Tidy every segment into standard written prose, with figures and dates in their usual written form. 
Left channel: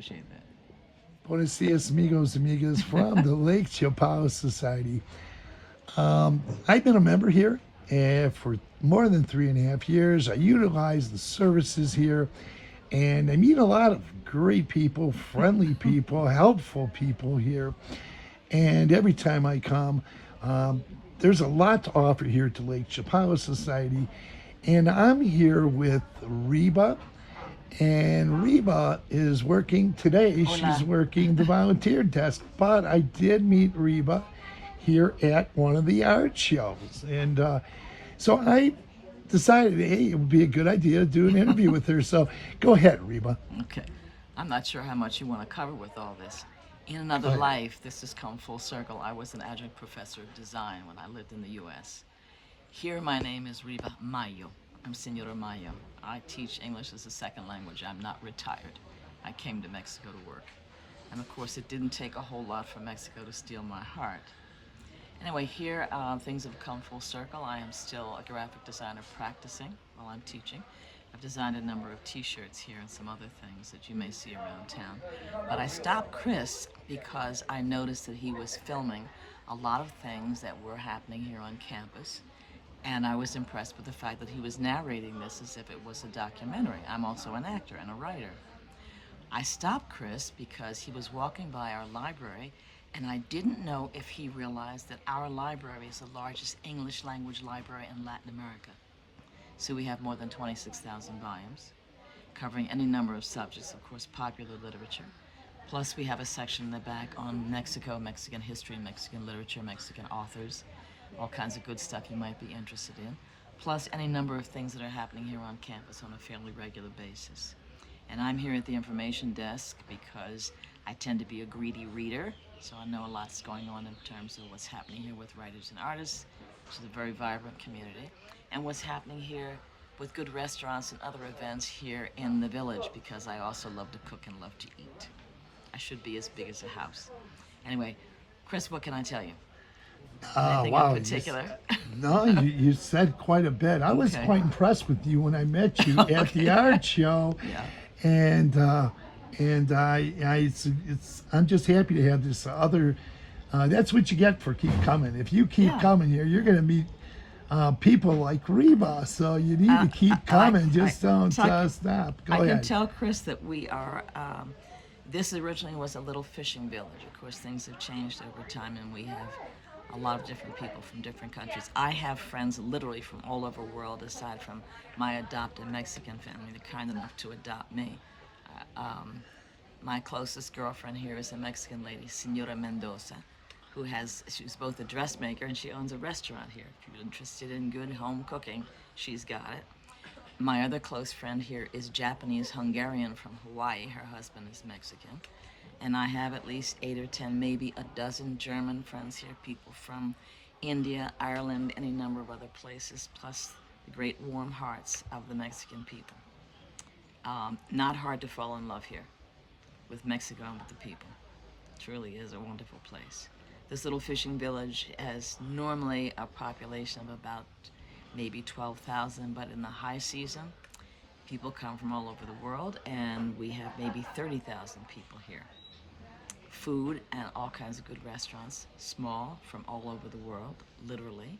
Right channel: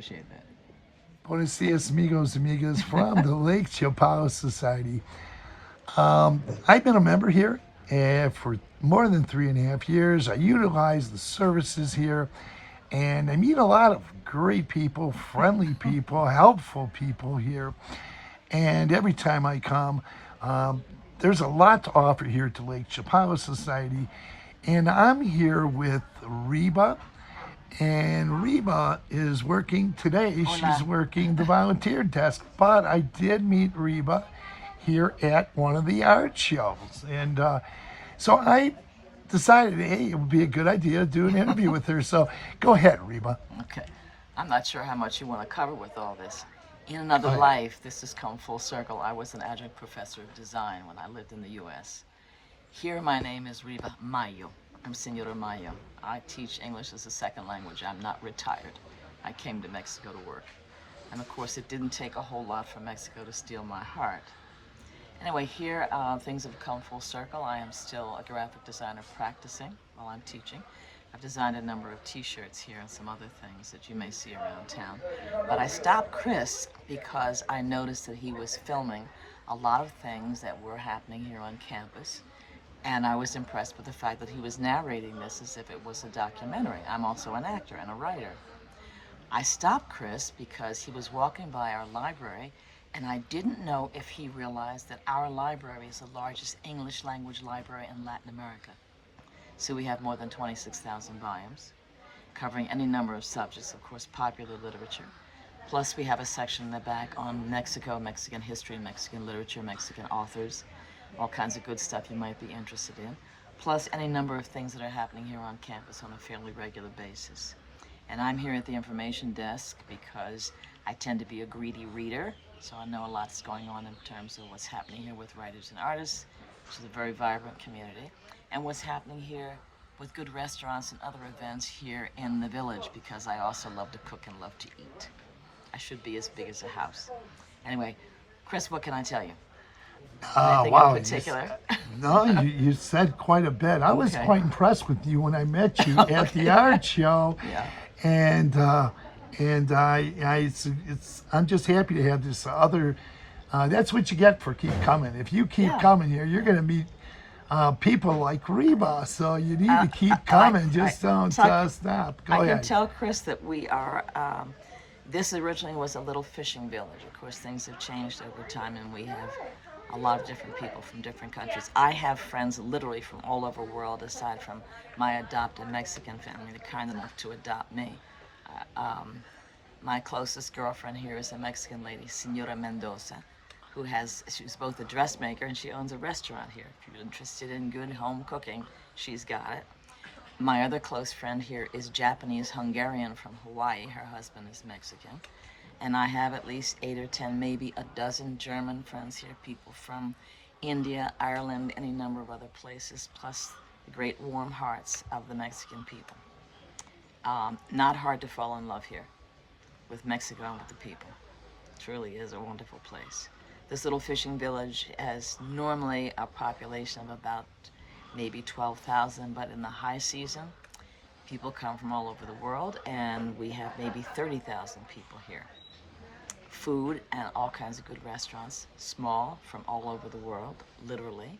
Appreciate that. Buenos dias, amigos, amigas, from the Lake Chapala Society. I've been a member here for more than 3.5 years. I utilize the services here, and I meet a lot of great people, friendly people, helpful people here. And every time I come, there's a lot to offer here to Lake Chapala Society. And I'm here with Reba. And Reba is working today. Hola. She's working the volunteer desk. But I did meet Reba here at one of the art shows. And so I decided, hey, it would be a good idea to do an interview with her. So go ahead, Reba. Okay. I'm not sure how much you want to cover with all this. In another life, this has come full circle. I was an adjunct professor of design when I lived in the U.S. Here, my name is Reba Mayo. I'm Senora Mayo. I teach English as a second language. I'm not retired. I came to Mexico to work. And of course, it didn't take a whole lot for Mexico to steal my heart. Anyway, here, things have come full circle. I am still a graphic designer practicing while I'm teaching. I've designed a number of t-shirts here and some other things that you may see around town. But I stopped Chris because I noticed that he was filming a lot of things that were happening here on campus. And I was impressed with the fact that he was narrating this as if it was a documentary. I'm also an actor and a writer. I stopped Chris because he was walking by our library, and I didn't know if he realized that our library is the largest English language library in Latin America. So we have more than 26,000 volumes, covering any number of subjects, of course, popular literature. Plus, we have a section in the back on Mexico, Mexican history, Mexican literature, Mexican authors, all kinds of good stuff you might be interested in, plus any number of things that are happening here on campus on a fairly regular basis. And I'm here at the information desk because I tend to be a greedy reader, so I know a lot's going on in terms of what's happening here with writers and artists, which is a very vibrant community, and what's happening here with good restaurants and other events here in the village, because I also love to cook and love to eat. I should be as big as a house. Anyway, Chris, what can I tell you? Anything in particular? No, you said quite a bit. I was quite impressed with you when I met you at the art show. Yeah. And I'm just happy to have this other. That's what you get for keep coming. If you keep coming here, you're going to meet people like Reba. So you need to keep coming. Don't stop. Go ahead. I can tell Chris that we are. This originally was a little fishing village. Of course, things have changed over time, and we have a lot of different people from different countries. I have friends literally from all over the world, aside from my adopted Mexican family. They're kind enough to adopt me. My closest girlfriend here is a Mexican lady, Senora Mendoza, she's both a dressmaker and she owns a restaurant here. If you're interested in good home cooking, she's got it. My other close friend here is Japanese Hungarian from Hawaii. Her husband is Mexican. And I have at least 8 or 10, maybe a dozen German friends here, people from India, Ireland, any number of other places, plus the great warm hearts of the Mexican people. Not hard to fall in love here with Mexico and with the people. It truly is a wonderful place. This little fishing village has normally a population of about maybe 12,000, but in the high season, people come from all over the world, and we have maybe 30,000 people here. Food and all kinds of good restaurants, small, from all over the world, literally.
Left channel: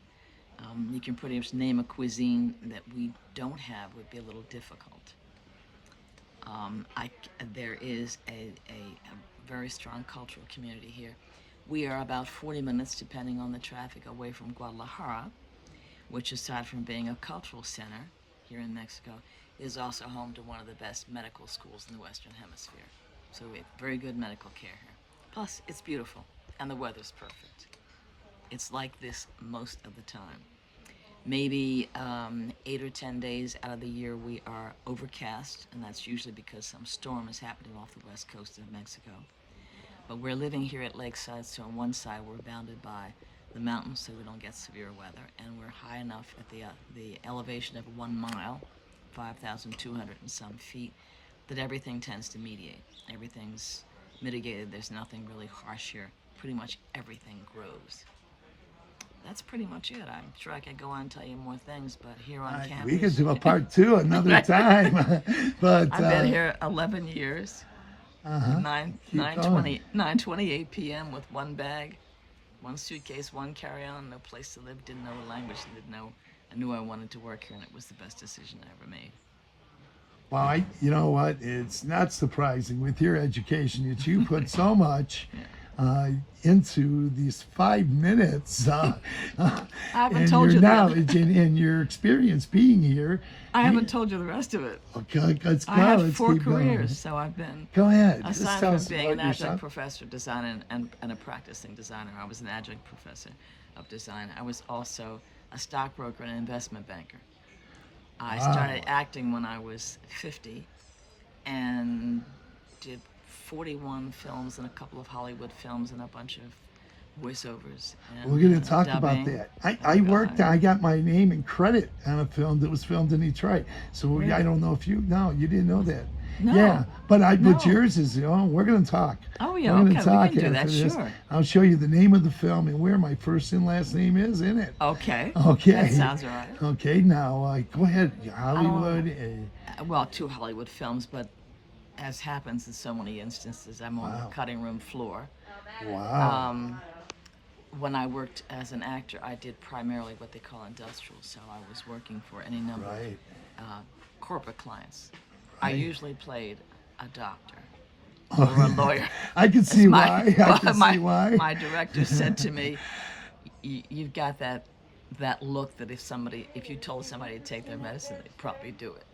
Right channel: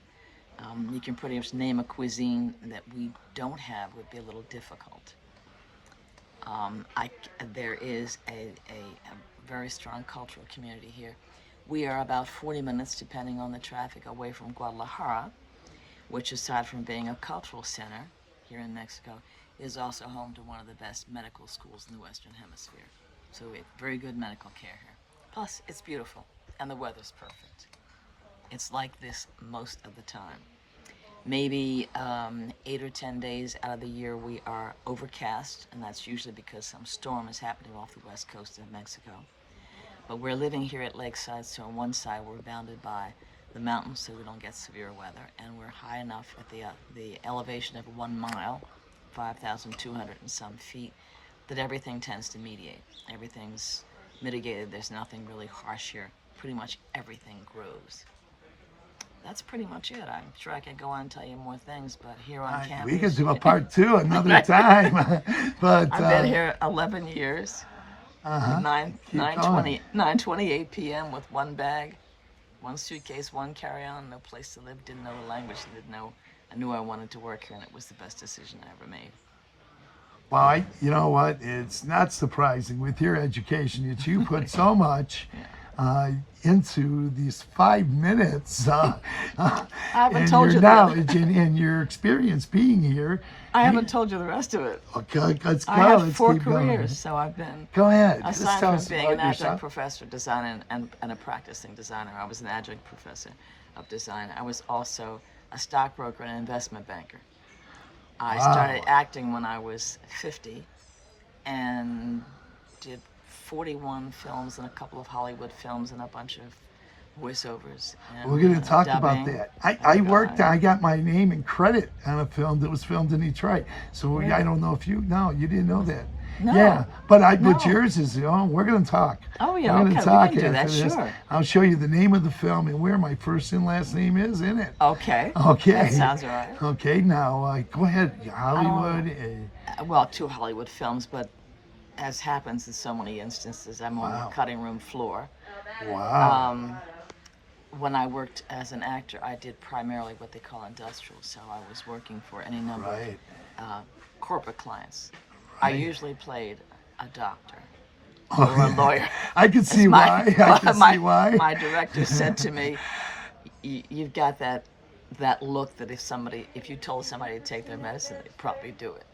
You can pretty much name a cuisine that we don't have would be a little difficult. There is a very strong cultural community here. We are about 40 minutes, depending on the traffic, away from Guadalajara, which, aside from being a cultural center here in Mexico, is also home to one of the best medical schools in the Western Hemisphere. So we have very good medical care here. Plus, it's beautiful, and the weather's perfect. It's like this most of the time. Maybe 8 or 10 days out of the year we are overcast, and that's usually because some storm is happening off the west coast of Mexico. But we're living here at Lakeside, so on one side we're bounded by the mountains so we don't get severe weather, and we're high enough at the elevation of 1 mile, 5,200 and some feet, that everything tends to mediate. Everything's mitigated. There's nothing really harsh here. Pretty much everything grows. That's pretty much it. I'm sure I could go on and tell you more things, but here on campus... We could do a part 2 another time. But I've been here 11 years. Uh-huh. Keep going. 9:28 p.m. with one bag, one suitcase, one carry-on, no place to live, didn't know the language, didn't know. I knew I wanted to work here, and it was the best decision I ever made. Well, you know what? It's not surprising with your education that you put so much Yeah. into these 5 minutes I haven't and told your you the other. knowledge and your experience being here. I haven't told you the rest of it. Okay, let's go. I had Let's 4 keep going. careers, so I've been, Go ahead. Just aside tell from us being about an adjunct yourself. professor of design and a practicing designer, I was an adjunct professor of design. I was also a stockbroker and investment banker. I Wow. started acting when I was 50 and did 41 films and a couple of Hollywood films and a bunch of voiceovers. And, We're going to talk dubbing. about that. Oh, I worked. God. I got my name and credit on a film that was filmed in Detroit. So Really? I don't know if you didn't know that. No. Yeah, but No. yours is. We're going to talk. Oh, yeah, We're okay, gonna we talk can do that, after this. sure. I'll show you the name of the film and where my first and last name is in it. Okay. Okay. That sounds all right. Okay, now go ahead. Hollywood. Well, 2 Hollywood films, but as happens in so many instances, I'm on Wow. the cutting room floor. Wow. When I worked as an actor, I did primarily what they call industrial, so I was working for any number Right. of corporate clients. I Right. usually played a doctor or a lawyer. I can see why. I can my, see why. my director said to me, "You've got that look that if you told somebody to take their medicine, they'd probably do it."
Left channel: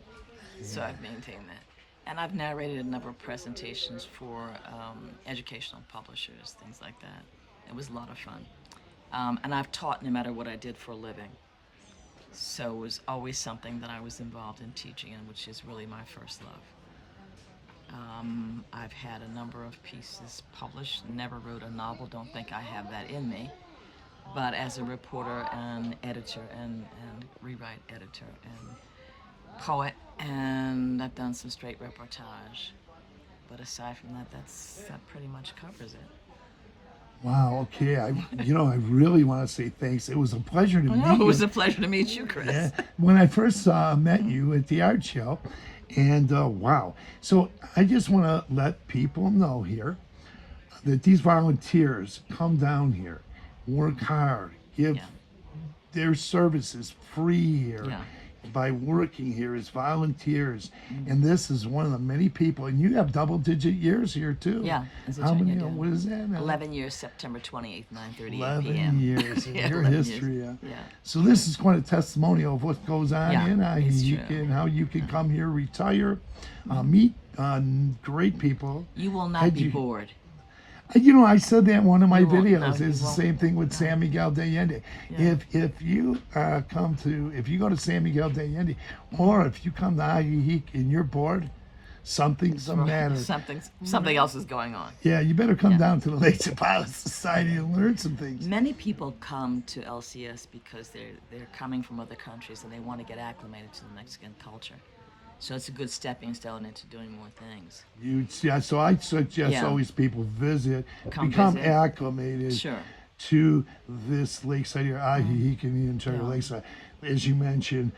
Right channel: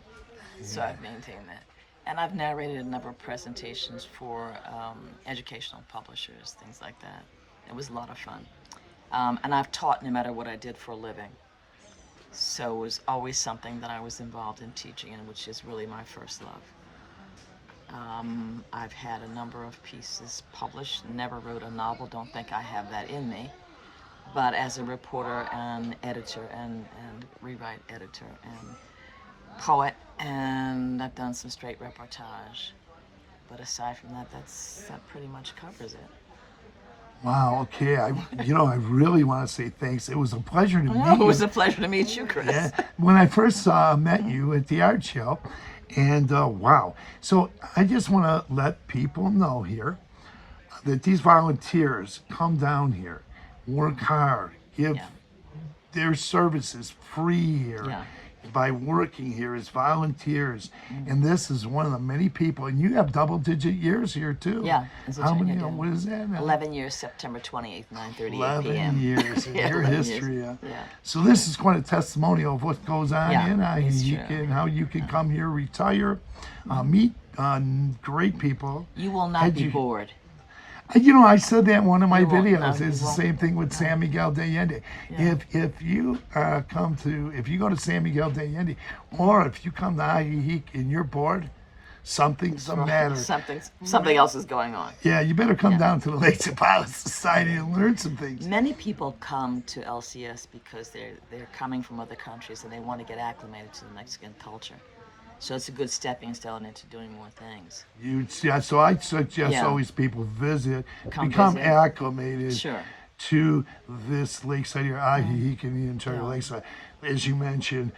So I've maintained that. And I've narrated a number of presentations for educational publishers, things like that. It was a lot of fun. And I've taught no matter what I did for a living. So it was always something that I was involved in teaching in, which is really my first love. I've had a number of pieces published, never wrote a novel, don't think I have that in me. But as a reporter and editor and rewrite editor and poet, and I've done some straight reportage. But aside from that, that pretty much covers it. Wow. Okay. I really want to say thanks. It was a pleasure to meet It was you. a pleasure to meet you, Chris. Yeah. When I first met you at the art show, and wow. So I just want to let people know here that these volunteers come down here, work hard, give Yeah. their services free here. Yeah. By working here as volunteers, and this is one of the many people, and you have double-digit years here too. Yeah, as a How junior, many? I do. What is that? 11 years, September 28th, 9:38 11 p.m. years in Yeah, your 11 years. history. Yeah. So this is quite a testimonial of what goes on Yeah, in it's IHEEC true. and how you can come here, retire, meet great people. You will not be you- bored. I said that in one of my You won't. videos. No, you It's the won't. same thing with San Miguel de Allende. Yeah. If you if you go to San Miguel de Allende, or if you come to IHEEC and you're bored, something's the matter. Something else is going on. Yeah, you better come Yeah. down to the Lake Chapala Society and learn some things. Many people come to LCS because they're coming from other countries and they want to get acclimated to the Mexican culture. So it's a good stepping stone into doing more things. So I suggest Yeah. always people visit, Come become visit. acclimated Sure. to this lakeside here, IHEEC and the entire Yeah. lakeside. As you mentioned,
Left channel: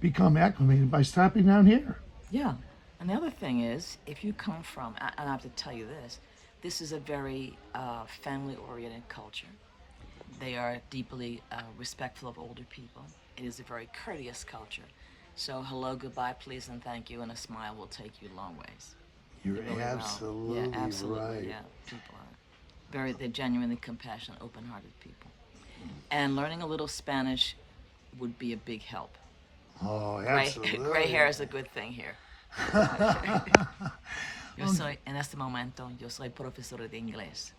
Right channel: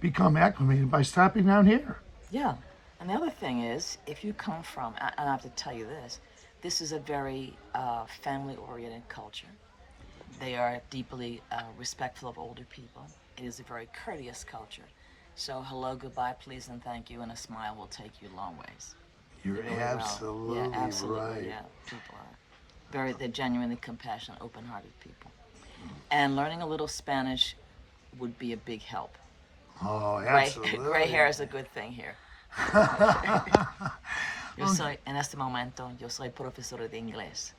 become acclimated by stopping down here. Yeah. And the other thing is, if you come from, and I have to tell you this is a very family-oriented culture. They are deeply respectful of older people. It is a very courteous culture. So hello, goodbye, please, and thank you, and a smile will take you a long ways. You're Really well. absolutely Yeah, absolutely. right. Yeah, people are they're genuinely compassionate, open-hearted people. And learning a little Spanish would be a big help. Oh, Gray, absolutely. gray hair is a good thing here. En este momento, yo soy profesora de inglés.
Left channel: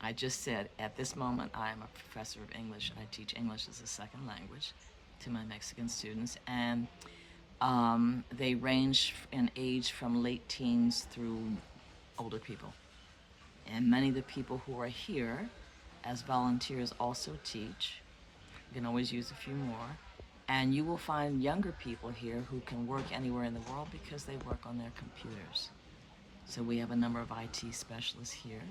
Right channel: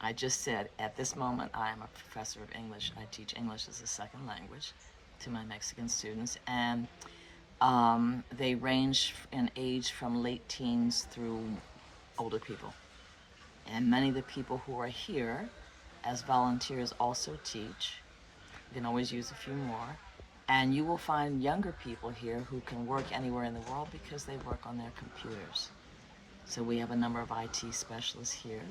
I just said, at this moment, I am a professor of English. I teach English as a second language to my Mexican students, and they range in age from late teens through older people. And many of the people who are here as volunteers also teach. You can always use a few more. And you will find younger people here who can work anywhere in the world because they work on their computers. So we have a number of IT specialists here.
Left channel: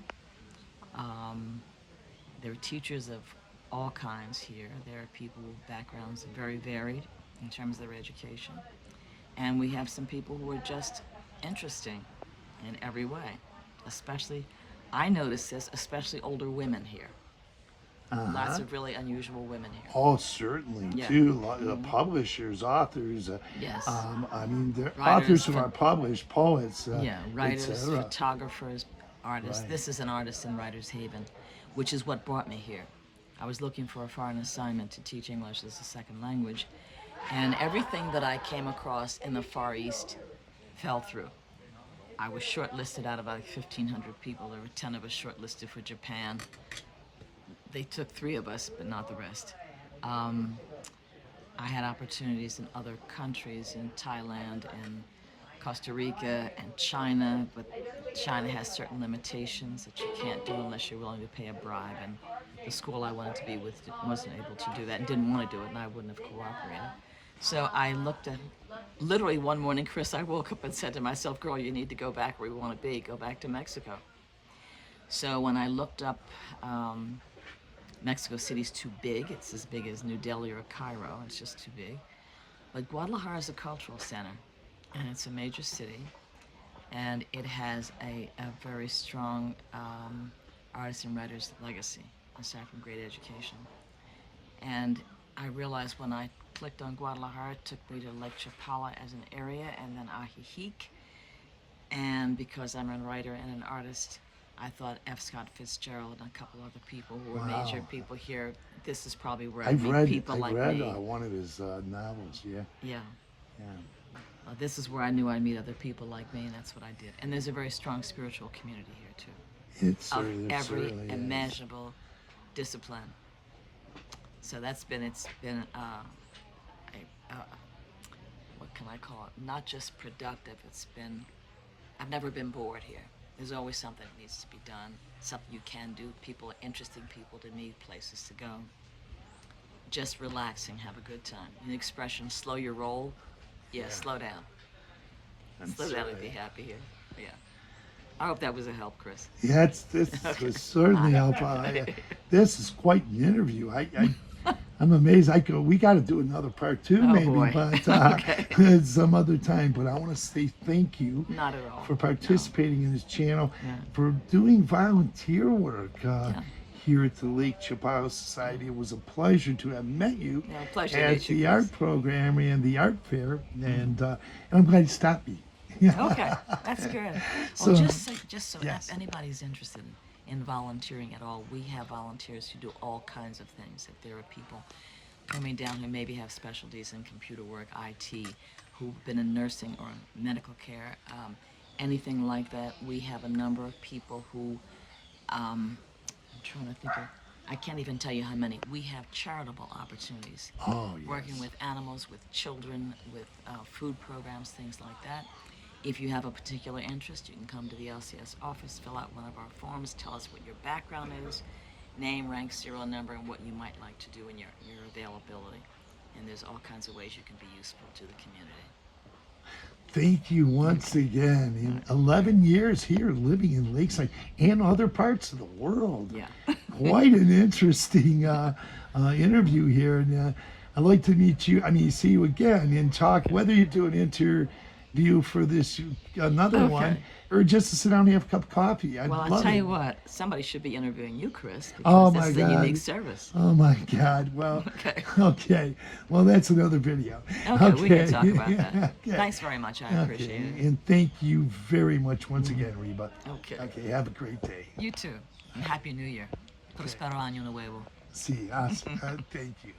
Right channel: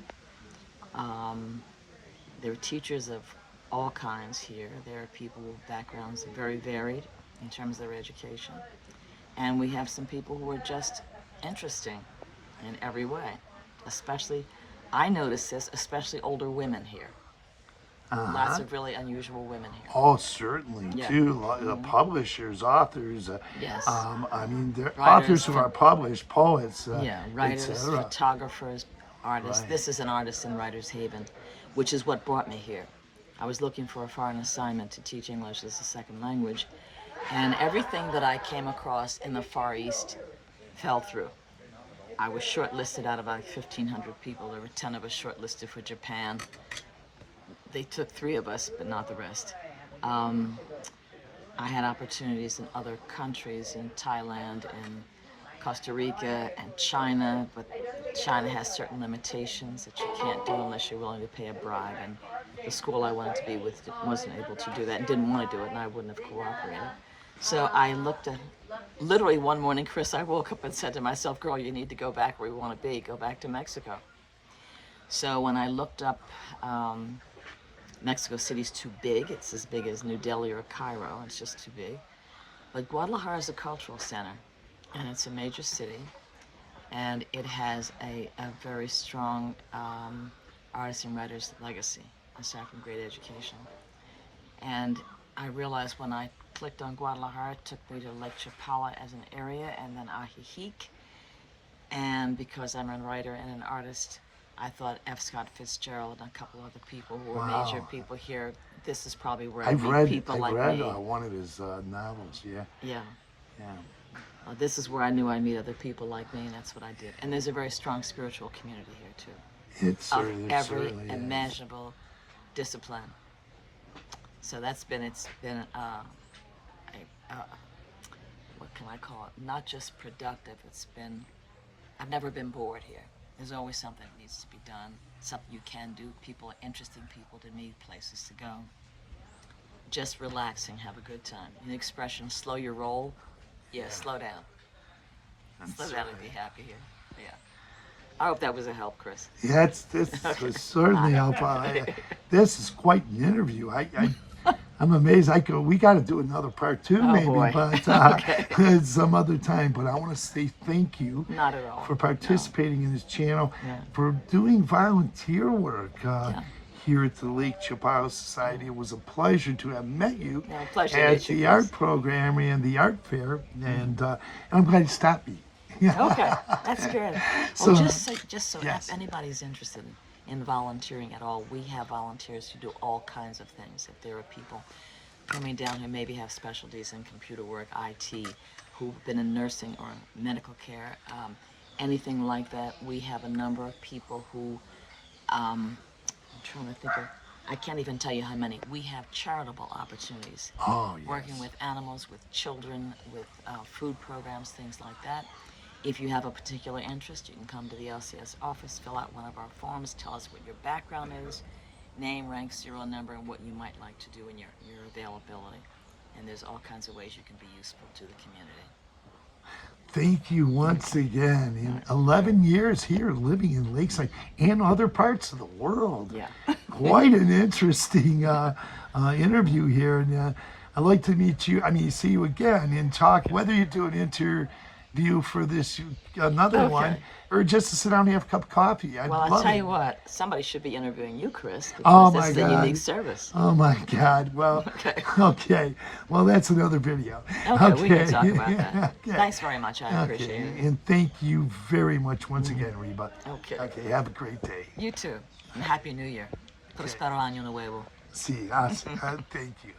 There are teachers of all kinds here. There are people with backgrounds very varied in terms of their education. And we have some people who are just interesting. in every way. Especially, I notice this, especially older women here. Lots of really unusual women here. Oh, certainly, Yeah. too. Publishers, authors. Yes. I mean, they're Writers, authors who are published, poets. Yeah, writers, etc. photographers, artists. Right. This is an artist in Writers Haven, which is what brought me here. I was looking for a foreign assignment to teach English as a second language, and everything that I came across in the Far East fell through. I was shortlisted out of about 1,500 people. There were 10 of us shortlisted for Japan. They took 3 of us, but not the rest. I had opportunities in other countries, in Thailand, in Costa Rica, and China, but China has certain limitations that you can't do unless you're willing to pay a bribe, and the school I wanted to be with wasn't able to do that and didn't want to do it, and I wouldn't have cooperated. So I looked at, literally one morning, Chris, I woke up and said to myself, girl, you need to go back where you want to be, go back to Mexico. So when I looked up, Mexico City's too big. It's as big as New Delhi or Cairo. It's just too big. But Guadalajara is a cultural center, and it's a major city, and it has a very strong artist and writer's legacy, aside from great education. And I realized when I clicked on Guadalajara, it took me to Lake Chapala as an area, and then Ajijic. And because I'm a writer and an artist, I thought F. Scott Fitzgerald and a couple other people who were major people here. This is probably where I meet people like me. I've read one of his novels. Yeah. Yeah. Yeah. This is where I knew I'd meet other people like me, and that's what I did. And there's a very strong spiritual community here too, It's of every imaginable discipline. So it's been what can I call it? Not just productive. I've never been bored here. There's always something that needs to be done, something you can do, people, interesting people to meet, places to go. Just relaxing, have a good time. The expression, slow your roll, slow down. Slow down and be happy here. Yeah. I hope that was a help, Chris. Yeah, this was certainly helpful. This is quite an interview. I'm amazed. We got to do another part 2, maybe, boy. but Okay. some other time. But I want to say thank you. Not at all. For participating in this channel, Yeah. for doing volunteer work here at the Lake Chapala Society. It was a pleasure to have met you Pleasure to at meet you, the Chris. art program and the art fair, and I'm glad you stopped me. Okay, that's good. So- Just so yes. if anybody's interested in volunteering at all, we have volunteers who do all kinds of things. If there are people coming down who maybe have specialties in computer work, IT, who've been in nursing or medical care, anything like that, we have a number of people who, I'm trying to think of, I can't even tell you how many. We have charitable opportunities. Oh, yes. Working with animals, with children, with food programs, things like that. If you have a particular interest, you can come to the LCS office, fill out one of our forms, tell us what your background is, name, rank, serial number, and what you might like to do in your availability. And there's all kinds of ways you can be useful to the community. Thank you once again. In 11 years here, living in Lakeside and other parts of the world. Yeah. Quite an interesting interview here. And I'd like to meet you. See you again and talk, whether you do an interview for this, another Okay. one, or just to sit down and have a cup of coffee. Well, I'll tell you what, somebody should be interviewing you, Chris, Oh, because this my is a God. unique service. Oh my God. Well, Okay. okay. Well, that's another video. Okay, we can talk about that. Okay. Thanks very much. I appreciate it. And thank you very much once again, Reba. Okay. Okay, have a great day. You too. And Happy New Year. Prospero año nuevo. Sí, thank you.